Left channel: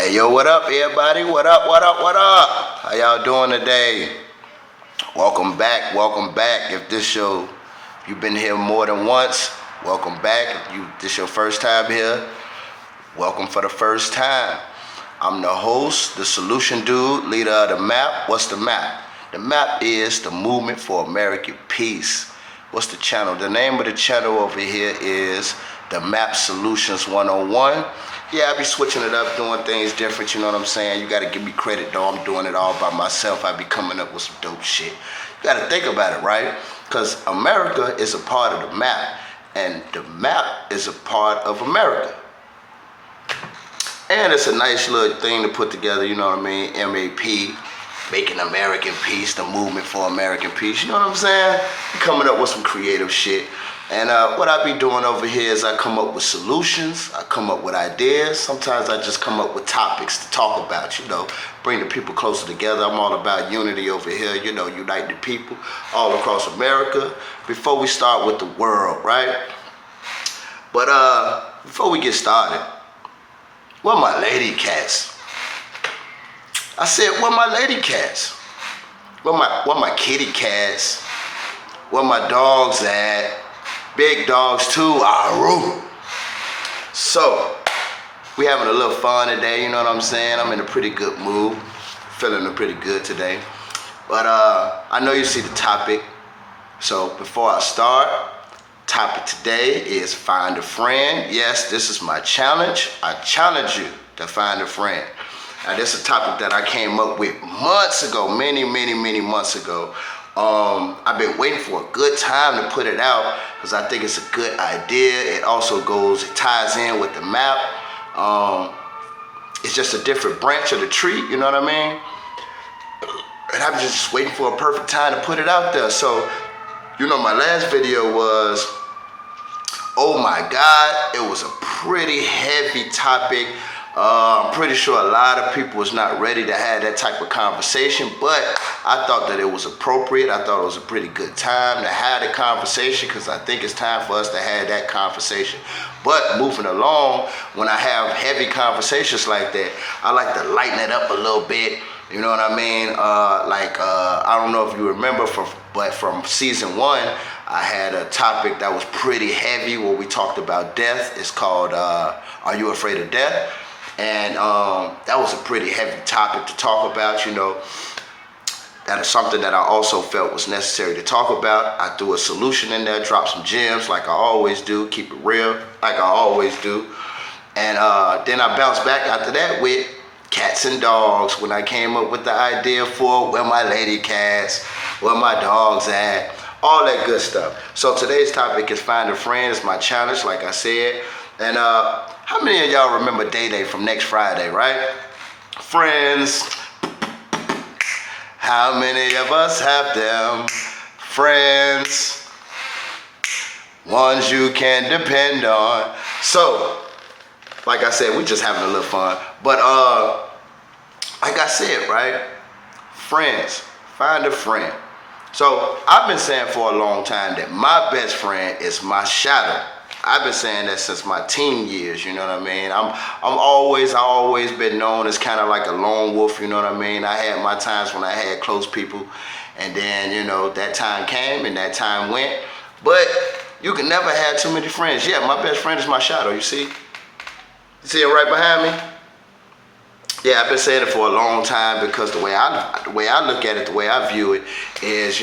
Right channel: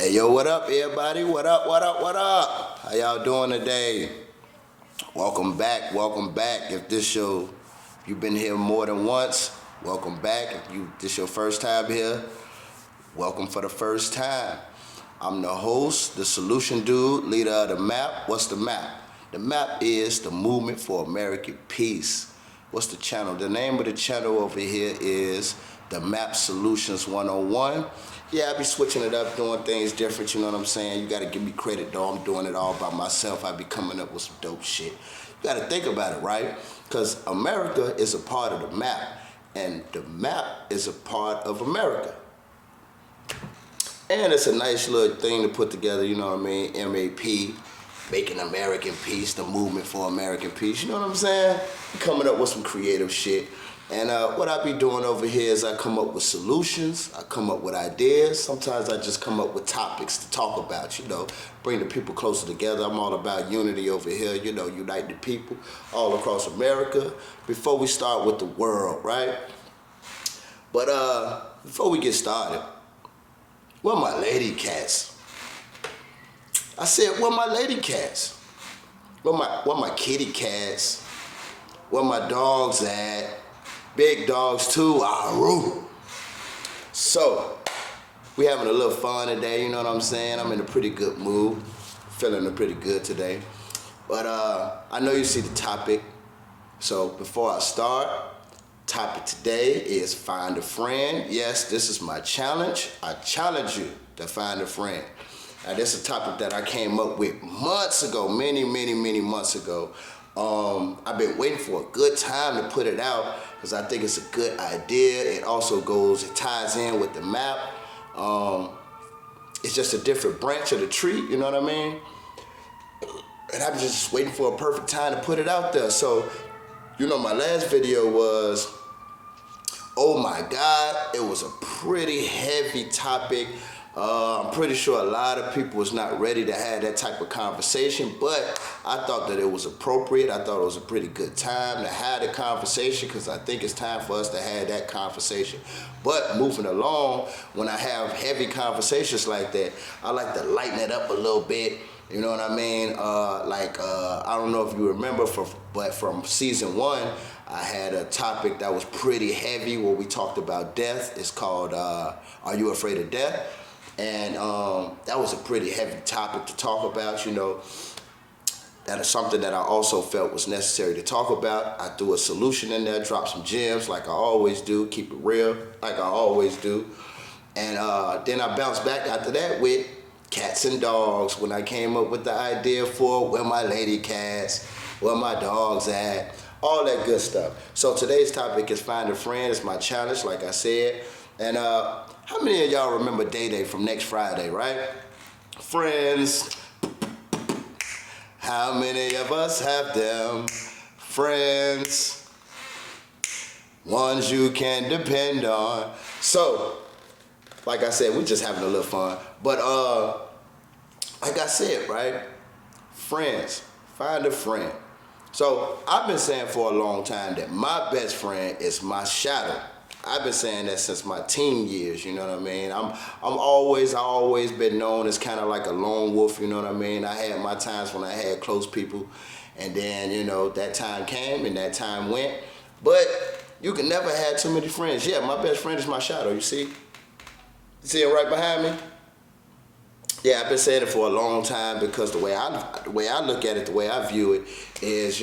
Hey, yo, what up, everybody? What up, what up, what up? How y'all doing today? Welcome back, welcome back. If you've been here more than once, welcome back. If this your first time here, welcome for the first time. I'm the host, the solution dude, leader of the MAP. What's the MAP? The MAP is the Movement for American Peace. What's the channel? The name of the channel over here is the MAP Solutions 101. Yeah, I be switching it up, doing things different, you know what I'm saying? You gotta give me credit though, I'm doing it all by myself. I be coming up with some dope shit. You gotta think about it, right? Because America is a part of the MAP, and the MAP is a part of America. And it's a nice little thing to put together, you know what I mean? MAP, Making American Peace, the Movement for American Peace, you know what I'm saying? Coming up with some creative shit. And what I be doing over here is I come up with solutions, I come up with ideas. Sometimes I just come up with topics to talk about, bring the people closer together. I'm all about unity over here, unite the people all across America before we start with the world, right? But before we get started, where my lady cats? I said, where my lady cats? Where my kitty cats? Where my dogs at? Big dogs too, Aru. So, we having a little fun today, you know what I'm saying? I'm in a pretty good mood, feeling pretty good today. But I know you see the topic. So before I start, topic today is find a friend. Yes, this is my challenge. I challenge you to find a friend. Now this is a topic that I came up with months ago, many months ago. I've been waiting for a good time to put it out because I think it's a good idea. It ties in with the MAP. It's just a different branch of the tree, you know what I mean? And I'm just waiting for a perfect time to put it out there. So, my last video was, oh my God, it was a pretty heavy topic. I'm pretty sure a lot of people was not ready to have that type of conversation, but I thought that it was appropriate. I thought it was a pretty good time to have the conversation because I think it's time for us to have that conversation. But moving along, when I have heavy conversations like that, I like to lighten it up a little bit. You know what I mean? I don't know if you remember, but from season 1, I had a topic that was pretty heavy where we talked about death. It's called, Are You Afraid of Death? And that was a pretty heavy topic to talk about, That is something that I also felt was necessary to talk about. I threw a solution in there, dropped some gems like I always do, keep it real like I always do. And then I bounced back after that with cats and dogs when I came up with the idea for where my lady cats, where my dogs at, all that good stuff. So today's topic is find a friend. It's my challenge, like I said. And how many of y'all remember Day Day from Next Friday, right? Friends. How many of us have them? Friends. Ones you can depend on. So, like I said, we just having a little fun. But like I said, right? Friends. Find a friend. So, I've been saying for a long time that my best friend is my shadow. I've been saying that since my teen years, you know what I mean? I always been known as kind of like a lone wolf, you know what I mean? I had my times when I had close people, and then, that time came and that time went. But you can never have too many friends. Yeah, my best friend is my shadow, you see? You see it right behind me? Yeah, I've been saying it for a long time because the way I look at it, the way I view it is,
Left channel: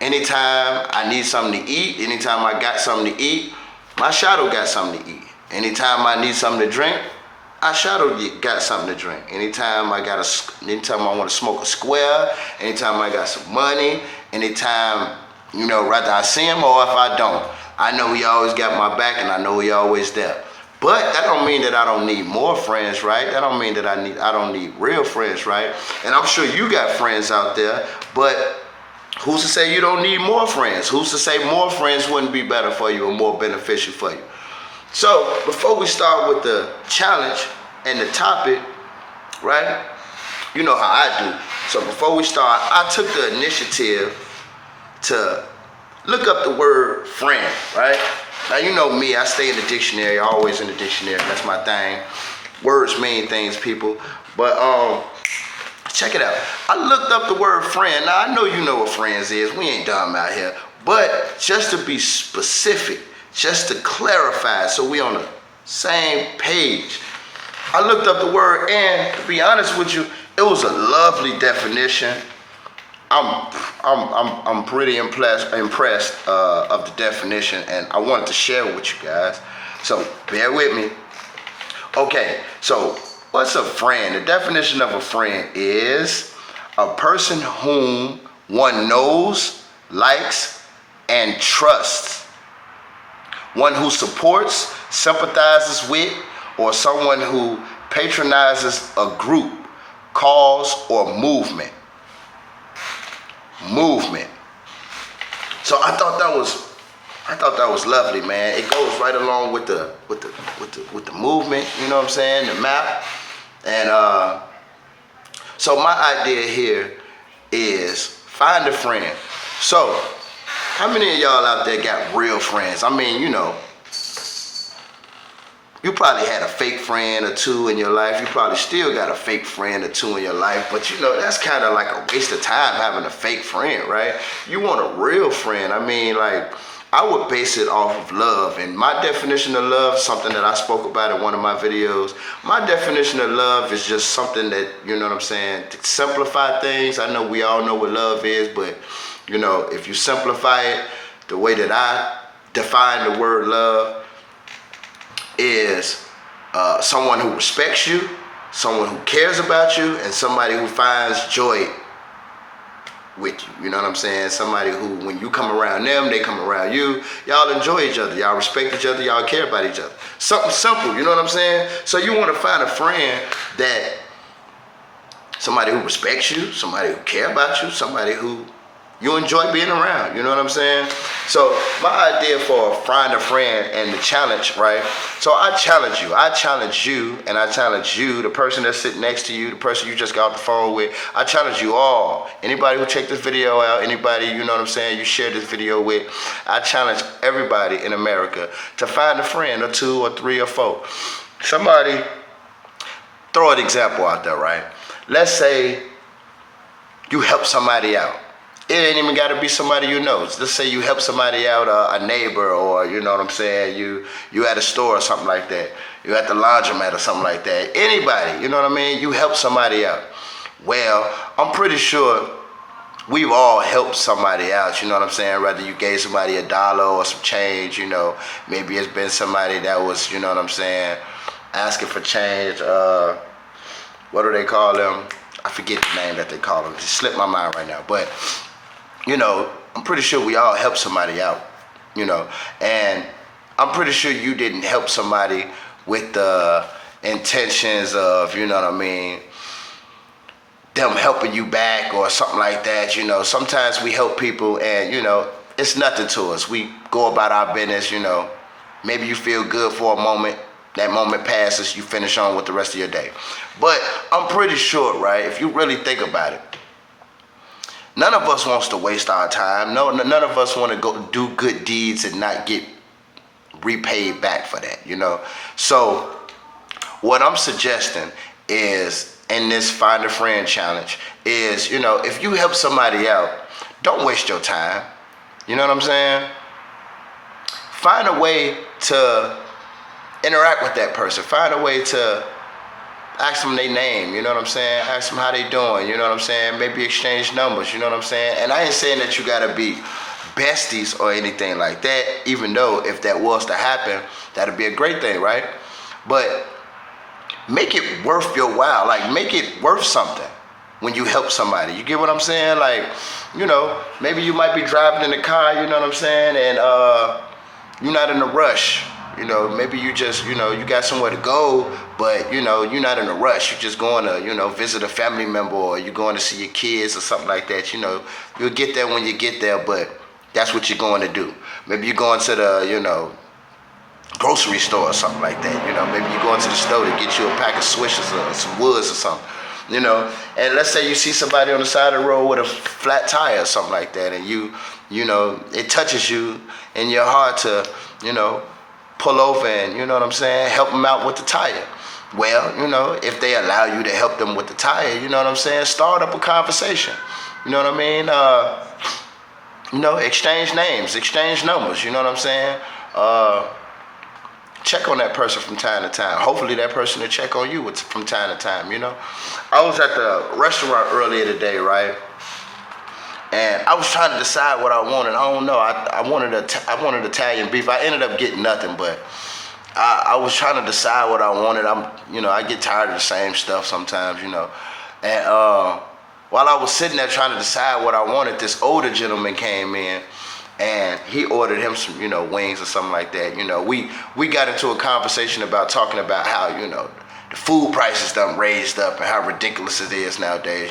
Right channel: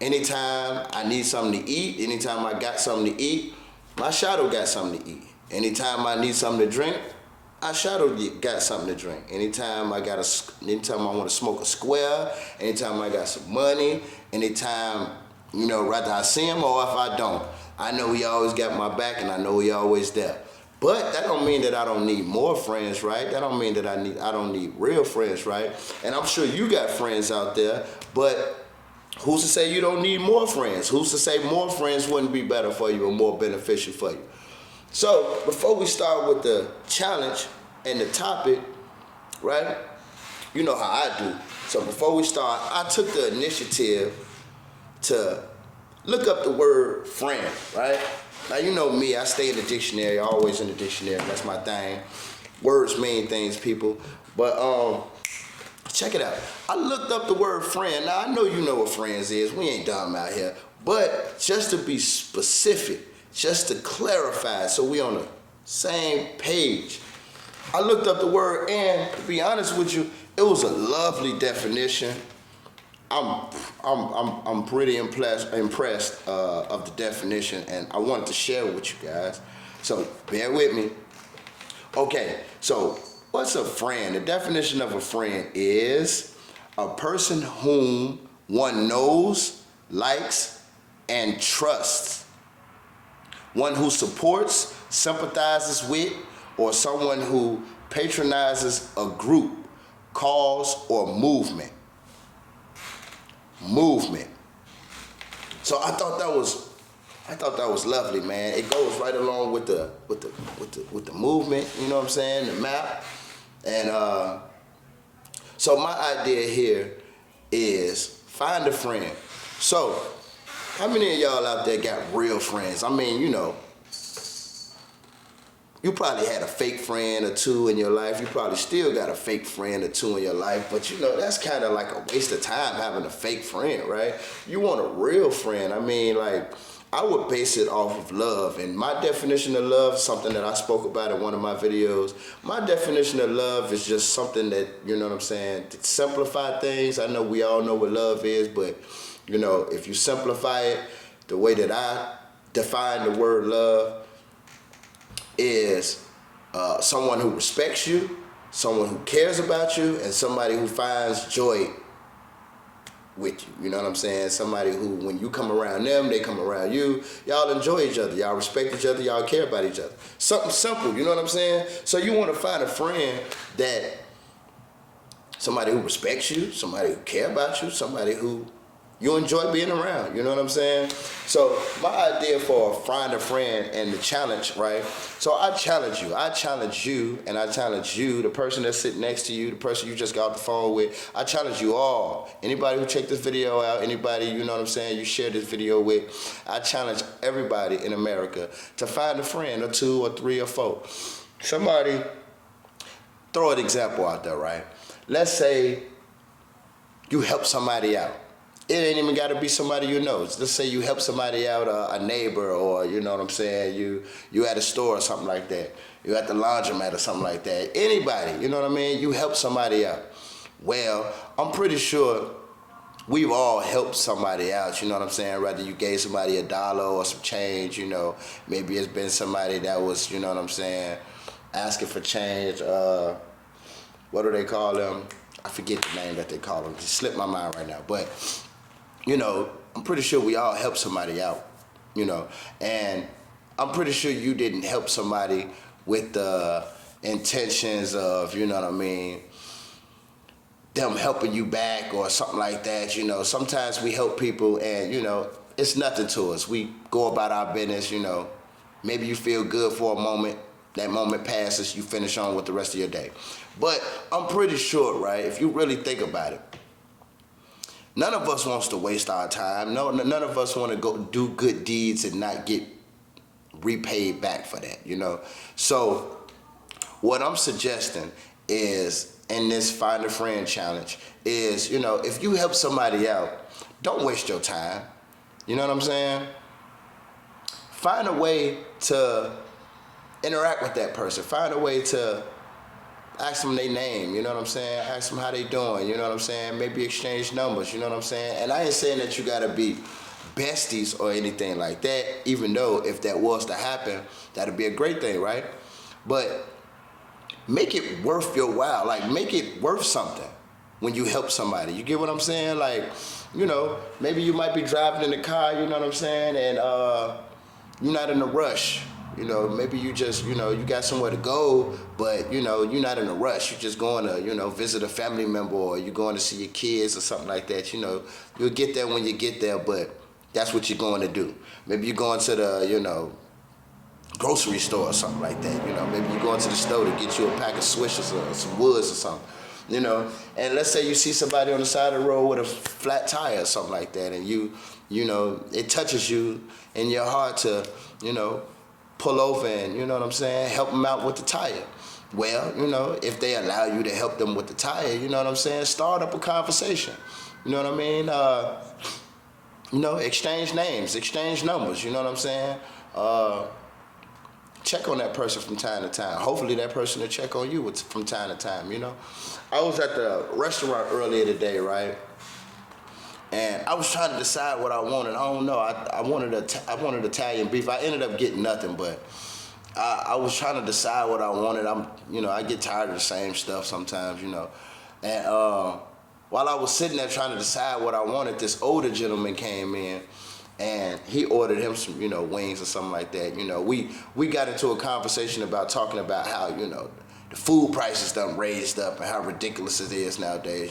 anytime I need something to eat, anytime I got something to eat, my shadow got something to eat. Anytime I need something to drink, my shadow got something to drink. Anytime I want to smoke a square, anytime I got some money, anytime, whether I see him or if I don't, I know he always got my back and I know he always there. But that don't mean that I don't need more friends, right? That don't mean that I don't need real friends, right? And I'm sure you got friends out there, but who's to say you don't need more friends? Who's to say more friends wouldn't be better for you or more beneficial for you? So before we start with the challenge and the topic, right? You know how I do. So before we start, I took the initiative to look up the word friend, right? Now you know me, I stay in the dictionary, always in the dictionary, that's my thing. Words mean things, people. But check it out. I looked up the word friend. Now, I know you know what friends is. We ain't dumb out here. But just to be specific, just to clarify, so we on the same page, I looked up the word, and to be honest with you, it was a lovely definition. I'm pretty impressed of the definition, and I wanted to share it with you guys. So bear with me. Okay, so what's a friend? The definition of a friend is a person whom one knows, likes, and trusts. One who supports, sympathizes with, or someone who patronizes a group, cause, or movement. So I thought that was lovely, man. It goes right along with the movement, you know what I'm saying? The map. And so my idea here is find a friend. So how many of y'all out there got real friends? I mean, you know, you probably had a fake friend or two in your life. You probably still got a fake friend or two in your life. But you know, that's kind of like a waste of time having a fake friend, right? You want a real friend. I mean, like, I would base it off of love. And my definition of love, something that I spoke about in one of my videos, my definition of love is just something that, you know what I'm saying, to simplify things. I know we all know what love is, but, you know, if you simplify it, the way that I define the word love is someone who respects you, someone who cares about you, and somebody who finds joy with you. You know what I'm saying? Somebody who, when you come around them, they come around you. Y'all enjoy each other. Y'all respect each other. Y'all care about each other. Something simple, you know what I'm saying? So you want to find a friend that, somebody who respects you, somebody who cares about you, somebody who you enjoy being around, you know what I'm saying? So my idea for find a friend and the challenge, right? So I challenge you, and I challenge you, the person that's sitting next to you, the person you just got off the phone with. I challenge you all. Anybody who checked this video out, anybody, you know what I'm saying, you share this video with, I challenge everybody in America to find a friend or two or three or four. Somebody, throw an example out there, right? Let's say you help somebody out. It ain't even got to be somebody you know. Let's say you help somebody out, a neighbor, or you know what I'm saying, you at a store or something like that. You at the laundromat or something like that. Anybody, you know what I mean? You help somebody out. Well, I'm pretty sure we've all helped somebody out, you know what I'm saying? Whether you gave somebody $1 or some change, you know, maybe it's been somebody that was, you know what I'm saying, asking for change. What do they call them? I forget the name that they call them. It slipped my mind right now, but you know, I'm pretty sure we all help somebody out, you know, and I'm pretty sure you didn't help somebody with the intentions of, you know what I mean, them helping you back or something like that, you know. Sometimes we help people and, you know, it's nothing to us. We go about our business, you know. Maybe you feel good for a moment. That moment passes, you finish on with the rest of your day. But I'm pretty sure, right, if you really think about it, none of us wants to waste our time. No, none of us want to go do good deeds and not get repaid back for that, you know. So what I'm suggesting is, in this Find a Friend challenge, is, you know, if you help somebody out, don't waste your time. You know what I'm saying? Find a way to interact with that person. Find a way to ask them their name, you know what I'm saying? Ask them how they doing, you know what I'm saying? Maybe exchange numbers, you know what I'm saying? And I ain't saying that you gotta be besties or anything like that, even though if that was to happen, that'd be a great thing, right? But make it worth your while, like make it worth something when you help somebody. You get what I'm saying? Like, you know, maybe you might be driving in the car, you know what I'm saying? And you're not in a rush. You know, maybe you just, you know, you got somewhere to go, but, you know, you're not in a rush. You're just going to, you know, visit a family member, or you're going to see your kids or something like that. You know, you'll get there when you get there, but that's what you're going to do. Maybe you're going to the, you know, grocery store or something like that. You know, maybe you're going to the store to get you a pack of Swishers or some Woods or something. You know, and let's say you see somebody on the side of the road with a flat tire or something like that, and you know, it touches you in your heart to, you know, pull over and, you know what I'm saying, help them out with the tire. well, if they allow you to help them with the tire, you know what I'm saying? Start up a conversation. You know what I mean? Exchange names, exchange numbers, you know what I'm saying? Check on that person from time to time. Hopefully that person will check on you from time to time, I was at the restaurant earlier today, right? And I was trying to decide what I wanted. I don't know. I wanted Italian beef. I ended up getting nothing, but I was trying to decide what I wanted. I get tired of the same stuff sometimes, And while I was sitting there trying to decide what I wanted, this older gentleman came in, and he ordered him some, wings or something like that. We got into a conversation about talking about how, the food prices done raised up and how ridiculous it is nowadays,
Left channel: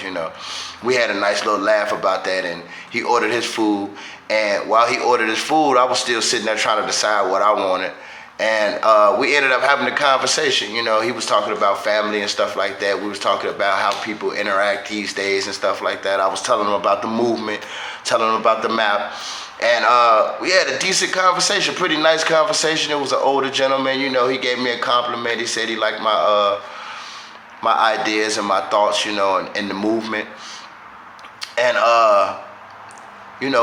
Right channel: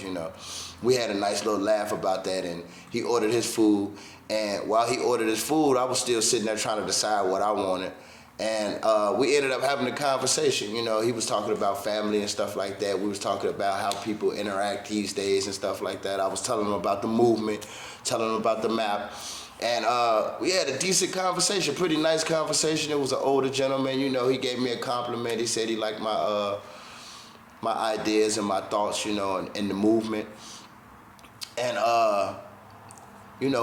We had a nice little laugh about that, and he ordered his food. And while he ordered his food, I was still sitting there trying to decide what I wanted. And we ended up having a conversation. He was talking about family and stuff like that. We was talking about how people interact these days and stuff like that. I was telling him about the movement, telling him about the map. And we had a decent conversation, pretty nice conversation. It was an older gentleman, he gave me a compliment. He said he liked my ideas and my thoughts, and the movement. And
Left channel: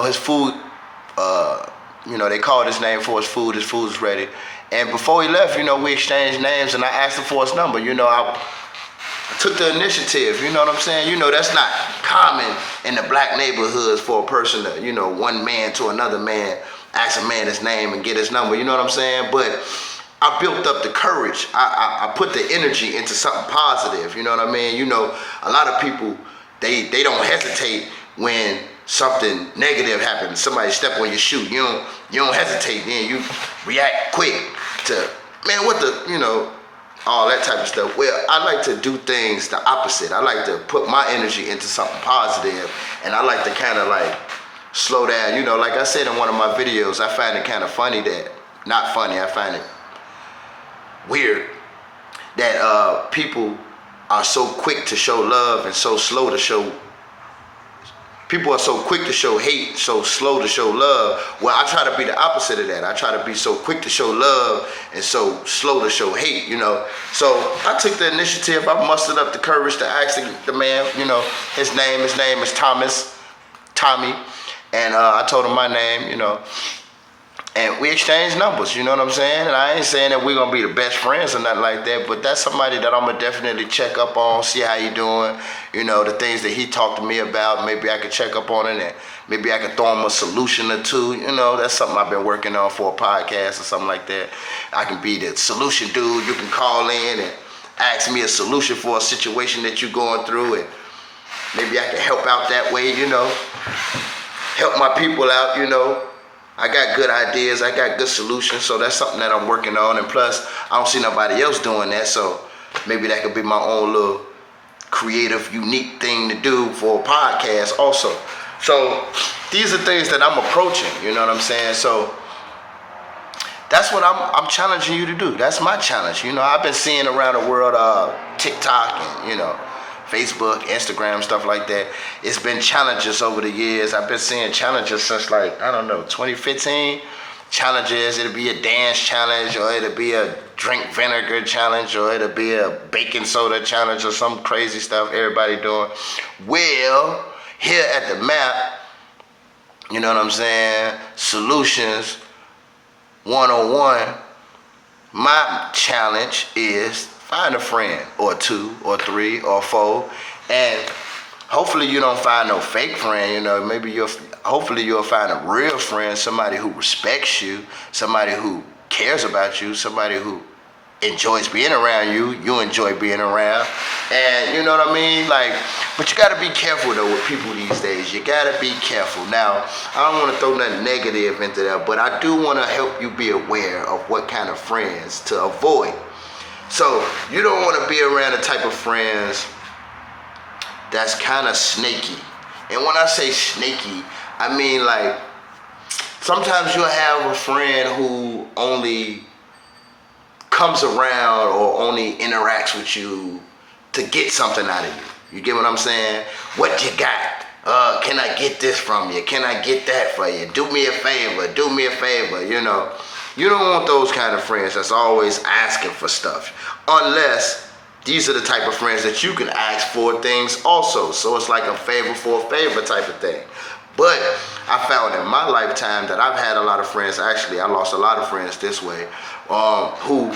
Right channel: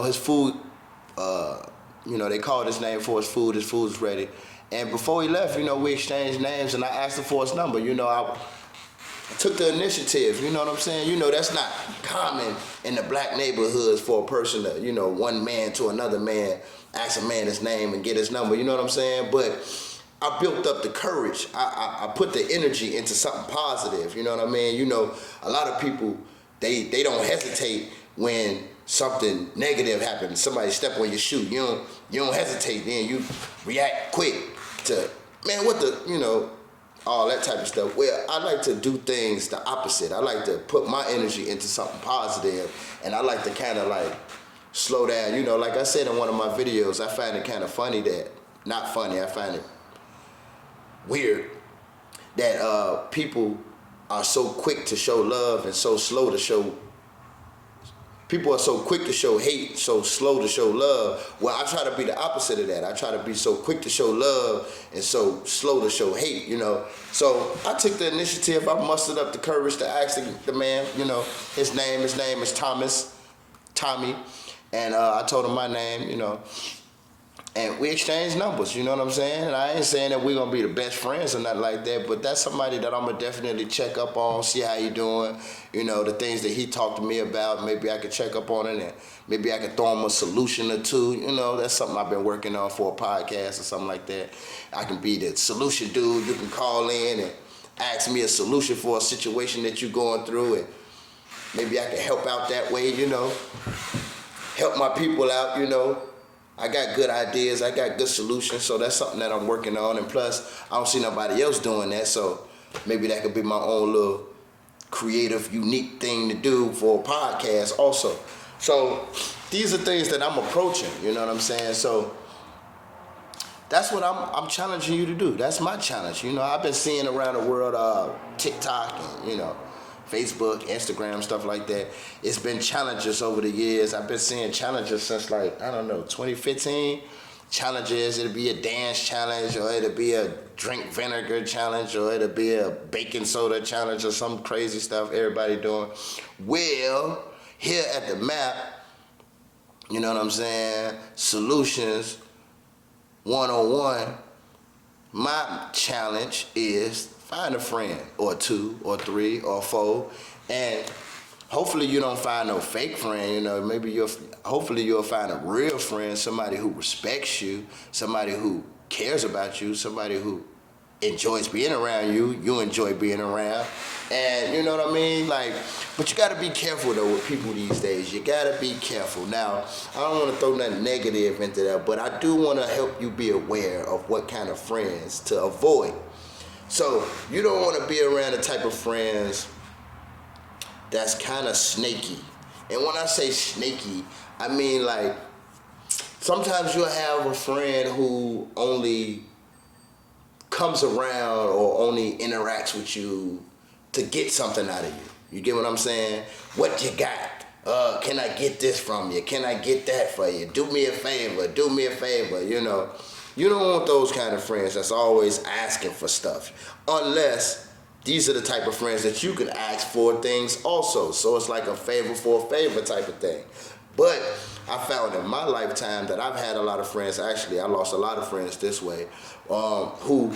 his food, they called his name for his food. His food is ready. And before he left, we exchanged names, and I asked him for his number. I took the initiative, you know what I'm saying? That's not common in the black neighborhoods for a person to, one man to another man, ask a man his name and get his number, you know what I'm saying? But I built up the courage. I put the energy into something positive, you know what I mean? A lot of people, they don't hesitate when something negative happens. Somebody step on your shoe. You don't hesitate then. You react quick to, man, what the, all that type of stuff. Well, I like to do things the opposite. I like to put my energy into something positive, and I like to kind of like slow down. Like I said in one of my videos, I find it kind of funny not funny, I find it weird that people are so quick to show love and so slow to show. People are so quick to show hate, so slow to show love. Well, I try to be the opposite of that. I try to be so quick to show love and so slow to show hate, So I took the initiative. I mustered up the courage to ask the man, his name is Tommy. And I told him my name, and we exchanged numbers, you know what I'm saying? And I ain't saying that we're going to be the best friends or nothing like that, but that's somebody that I'm going to definitely check up on, see how you doing, the things that he talked to me about, maybe I could check up on it, and maybe I could throw him a solution or two, that's something I've been working on for a podcast or something like that. I can be the solution dude. You can call in and ask me a solution for a situation that you're going through, and maybe I can help out that way, help my people out, I got good ideas, I got good solutions, so that's something that I'm working on. And plus, I don't see nobody else doing that, so maybe that could be my own little creative, unique thing to do for a podcast also. So these are things that I'm approaching, you know what I'm saying? So that's what I'm challenging you to do. That's my challenge. I've been seeing around the world TikTok and, Facebook, Instagram, stuff like that. It's been challenges over the years. I've been seeing challenges since 2015. Challenges, it'll be a dance challenge, or it'll be a drink vinegar challenge, or it'll be a baking soda challenge, or some crazy stuff everybody doing. Well, here at the map, you know what I'm saying, Solutions 101, my challenge is find a friend or two or three or four, and hopefully you don't find no fake friend. Hopefully you'll find a real friend, somebody who respects you, somebody who cares about you, somebody who enjoys being around you, you enjoy being around. And you know what I mean? But you gotta be careful though with people these days. You gotta be careful. Now, I don't wanna throw nothing negative into that, but I do wanna help you be aware of what kind of friends to avoid. So you don't want to be around the type of friends that's kind of snaky. And when I say snaky, I mean sometimes you'll have a friend who only comes around or only interacts with you to get something out of you. You get what I'm saying? What you got? Can I get this from you? Can I get that for you? Do me a favor, You don't want those kind of friends that's always asking for stuff. Unless these are the type of friends that you can ask for things also. So it's like a favor for a favor type of thing. But I found in my lifetime that I've had a lot of friends. Actually, I lost a lot of friends this way, who,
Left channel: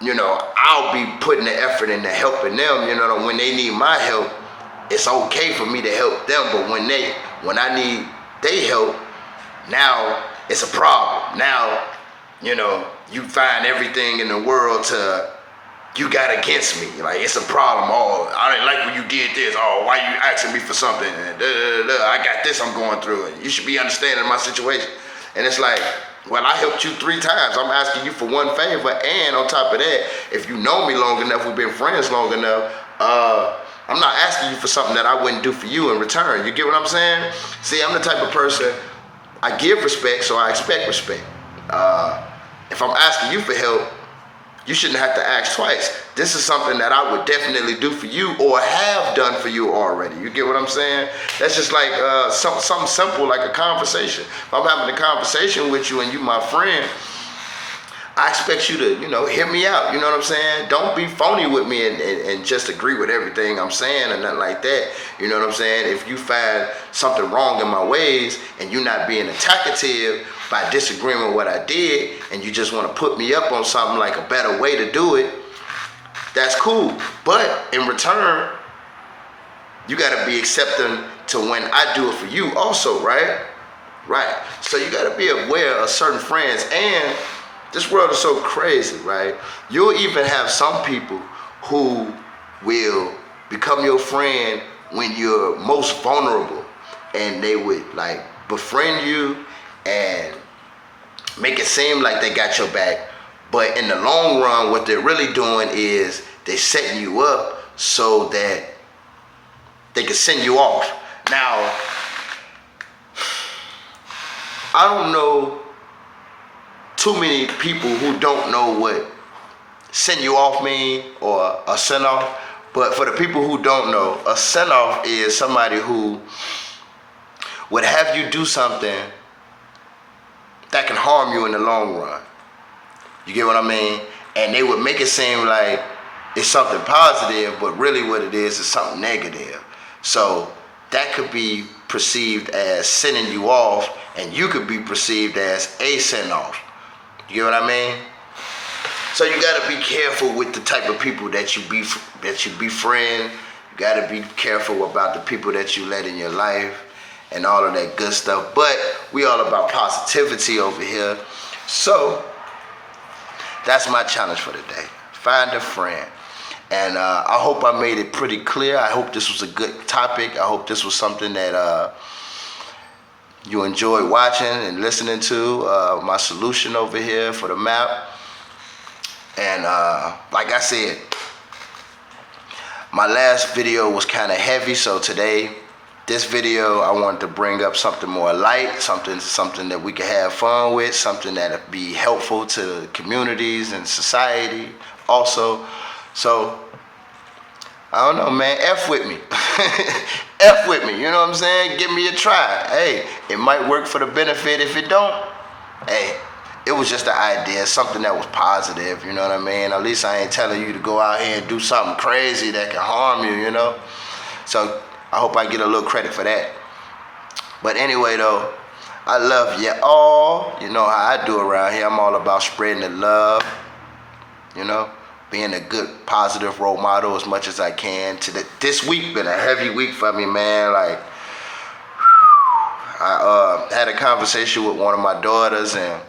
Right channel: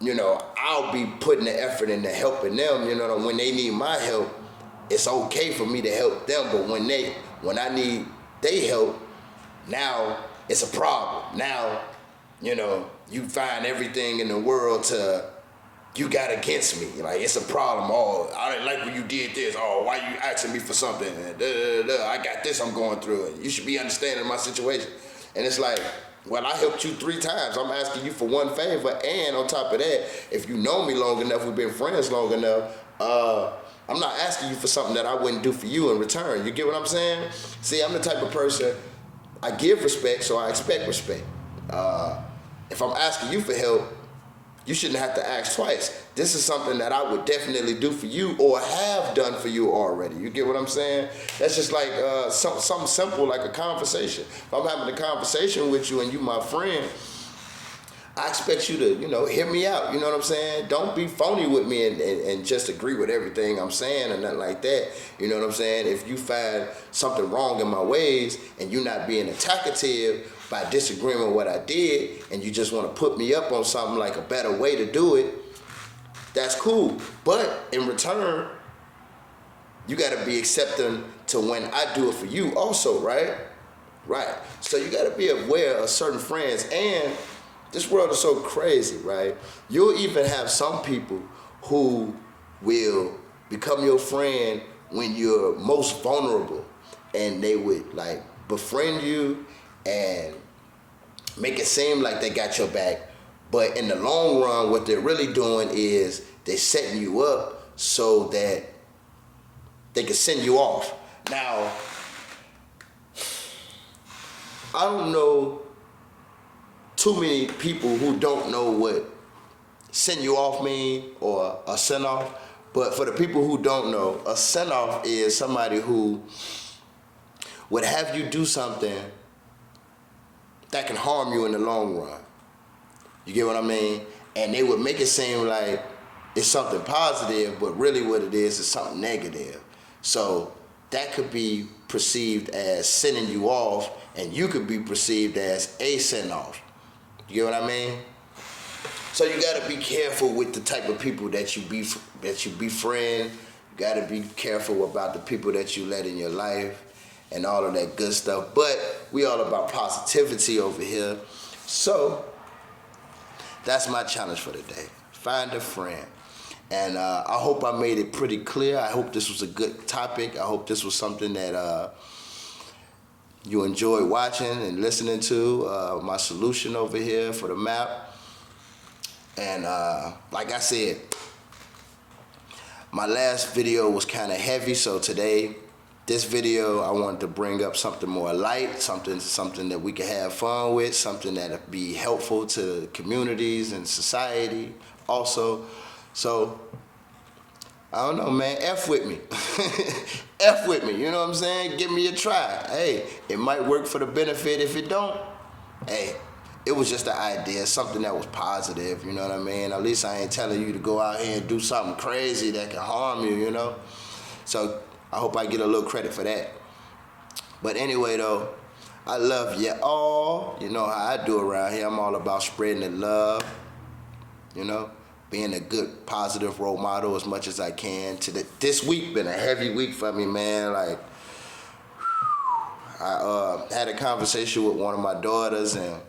you know, I'll be putting the effort into helping them. You know, when they need my help, it's okay for me to help them. But when I need their help, now it's a problem. Now, you know, you find everything in the world you got against me. Like, it's a problem. Oh, I didn't like when you did this. Oh, why you asking me for something? And I got this I'm going through. And you should be understanding my situation. And it's like, well, I helped you 3 times. I'm asking you for one favor. And on top of that, if you know me long enough, we've been friends long enough, I'm not asking you for something that I wouldn't do for you in return. You get what I'm saying? See, I'm the type of person, I give respect, so I expect respect. If I'm asking you for help, you shouldn't have to ask twice. This is something that I would definitely do for you or have done for you already. You get what I'm saying? That's just like something simple like a conversation. If I'm having a conversation with you and you my friend, I expect you to, you know, hear me out. You know what I'm saying? Don't be phony with me and just agree with everything I'm saying or nothing like that. You know what I'm saying? If you find something wrong in my ways and you not being attacative by disagreeing with what I did and you just want to put me up on something like a better way to do it, that's cool. But in return, you got to be accepting to when I do it for you also, right? Right. So you got to be aware of certain friends. And this world is so crazy, right? You'll even have some people who will become your friend when you're most vulnerable, and they would like befriend you and make it seem like they got your back. But in the long run, what they're really doing is they're setting you up so that they can send you off. Now, I don't know too many people who don't know what send you off mean or a send off. But for the people who don't know, a send off is somebody who would have you do something that can harm you in the long run. You get what I mean? And they would make it seem like it's something positive, but really what it is something negative. So that could be perceived as sending you off, and you could be perceived as a send off. You get what I mean? So you gotta be careful with the type of people that you befriend. You gotta be careful about the people that you let in your life and all of that good stuff. But we all about positivity over here. So that's my challenge for today. Find a friend. And I hope I made it pretty clear. I hope this was a good topic. I hope this was something that you enjoyed watching and listening to. My solution over here for the map. And like I said, my last video was kind of heavy, so today, this video, I wanted to bring up something more light, something that we can have fun with, something that'll be helpful to communities and society also. So, I don't know, man, F with me. F with me, you know what I'm saying? Give me a try. Hey, it might work for the benefit. If it don't, hey, it was just an idea, something that was positive, you know what I mean? At least I ain't telling you to go out here and do something crazy that can harm you, you know? So, I hope I get a little credit for that. But anyway, though, I love you all. You know how I do around here. I'm all about spreading the love, you know, being a good, positive role model as much as I can. This week been a heavy week for me, man. Like, I had a conversation with one of my daughters and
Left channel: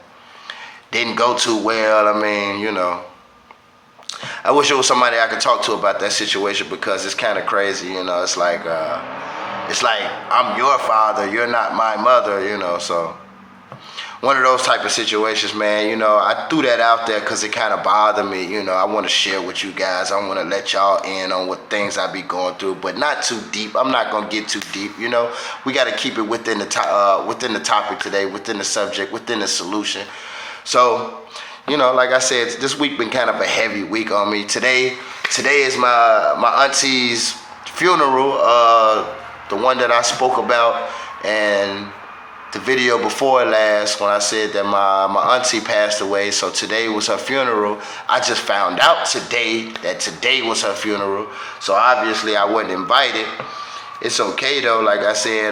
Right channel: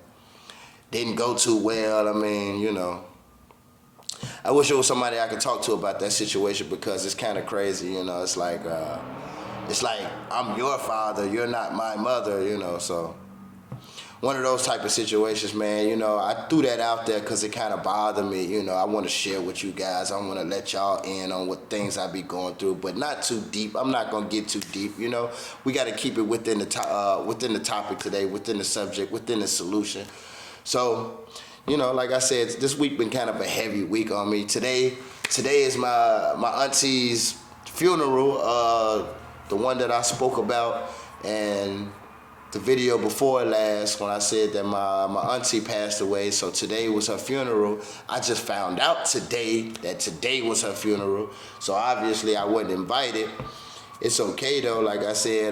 didn't go too well. I mean, you know, I wish there was somebody I could talk to about that situation because it's kind of crazy, you know. It's like I'm your father, you're not my mother, you know. So one of those type of situations, man. You know, I threw that out there because it kind of bothered me. You know, I want to share with you guys. I want to let y'all in on what things I be going through, but not too deep. I'm not gonna get too deep. You know, we got to keep it within the topic today, within the subject, within the solution. So, you know, like I said, this week been kind of a heavy week on me. Today is my auntie's funeral, the one that I spoke about, and the video before last when I said that my auntie passed away, so today was her funeral. I just found out today that today was her funeral, so obviously I wasn't invited. It's okay though, like I said,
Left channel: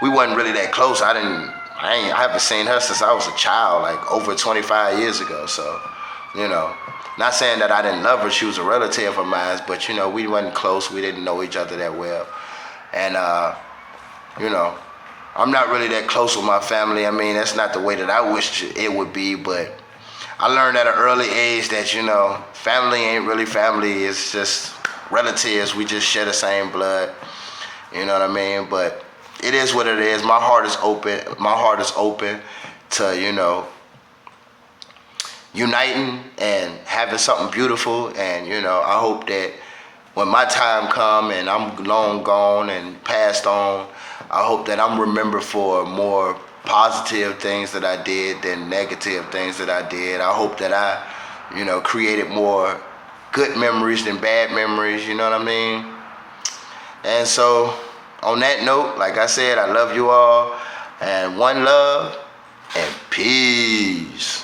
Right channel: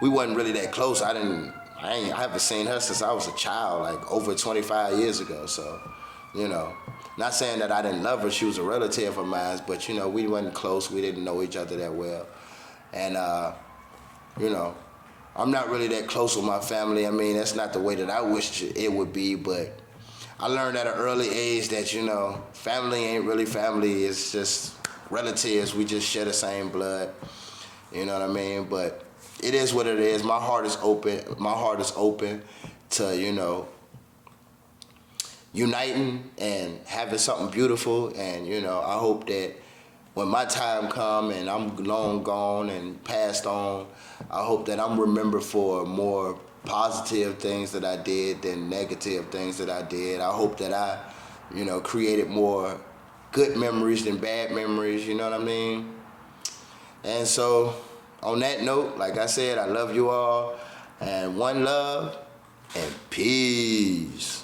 we wasn't really that close. I haven't seen her since I was a child, like over 25 years ago, so, you know. Not saying that I didn't love her, she was a relative of mine, but you know, we wasn't close, we didn't know each other that well. And, you know, I'm not really that close with my family. I mean, that's not the way that I wish it would be, but I learned at an early age that, you know, family ain't really family, it's just relatives, we just share the same blood, you know what I mean? But it is what it is. My heart is open to, you know, uniting and having something beautiful. And you know, I hope that when my time come and I'm long gone and passed on, I hope that I'm remembered for more positive things that I did than negative things that I did. I hope that I, you know, created more good memories than bad memories, you know what I mean? And so on that note, like I said, I love you all, and one love and peace.